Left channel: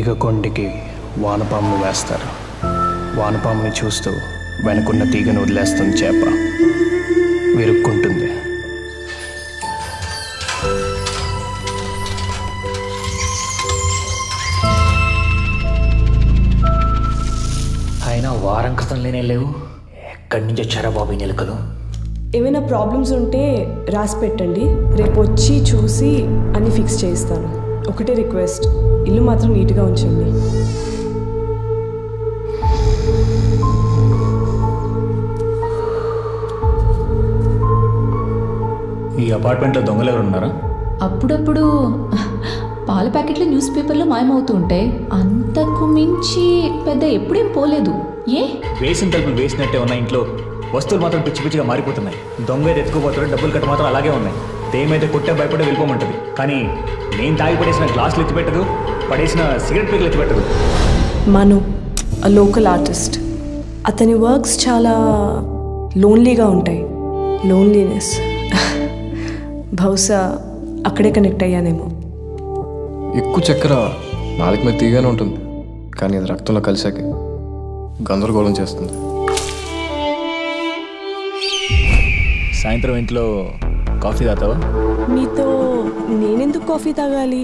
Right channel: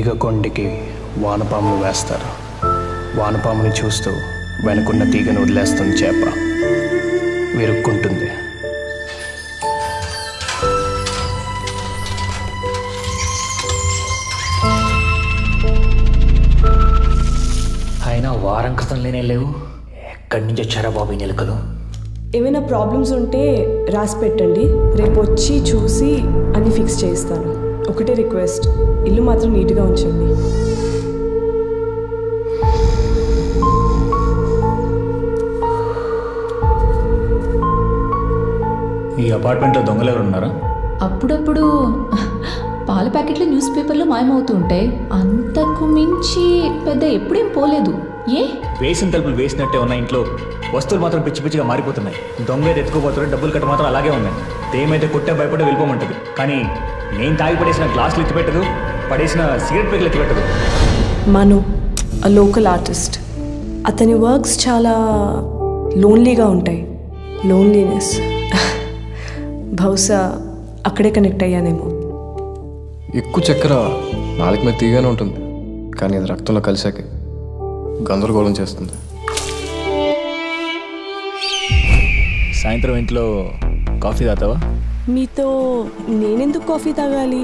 తీగ కొండికి వానపామును వేస్తారు. వానపాముని చూస్తూ వెనుకున్న తీగను వదిలేస్తుంది చేప. విరుక్కుంటుంది. అయినా వారం క్రితం లేనే లేవు. ఎక్కడి నుంచి వచ్చారా బాబు ఈ నెలకలు? ఏమైనా ప్రాబ్లమ్స్ ఉంటే రాసి పెట్టండి, రేపు వచ్చి చూసి అన్నీ ఫిక్స్ చేయిస్తాను. ఒకటే రిక్వెస్ట్, ఇల్లు మాత్రం నీట్గా ఉంచండి. ఈ అపార్ట్మెంట్లో దొంగలు ఎవరు ఉన్నారా? అప్పుడప్పుడు పాల ప్యాకెట్లు న్యూస్ పేపర్లో మాయమవుతూ ఉంటాయి. అంతకు మించి పెద్ద ఎప్పుడేం పోలేదు. ఏ వేసిన తలుపులు వేసినట్టే ఉన్న ఇంట్లో వస్తువులు మాత్రం పిచ్చి పిచ్చిగా మారిపోతున్నాయి. దొంగ అయితే ఎత్తుకుపోతారు, డబ్బులు కట్ట మాత్రం అలాగే ఉన్నాయి. దేమైతే కొట్టే భయపడే వెళ్ళిపోమంటుంది, కానీ నేను తాగి పడేసిన గ్లాసులు ఎత్తిపెట్టదు, పడేసిన సిగరెట్ పేకలు ఎత్తిపెట్టదు. Manu, a local artist. అతని వర్క్స్ చాలా లోన్లీగా ఉంటాయి. లోన్లీనెస్ బహుశా అక్కడే కనెక్ట్ అయ్యానేమో. ఎక్కువ చక్కెర నాలుగు మీద తీగానే ఉంటుంది, కానీ అది రక్తంలో కలిసాక గందరగోళం చేస్తుంది. సాయంత్రం ఇంట్లో కాఫీ తాగుతావా? మీతో నేనెందుకు కాఫీ తాగాలి?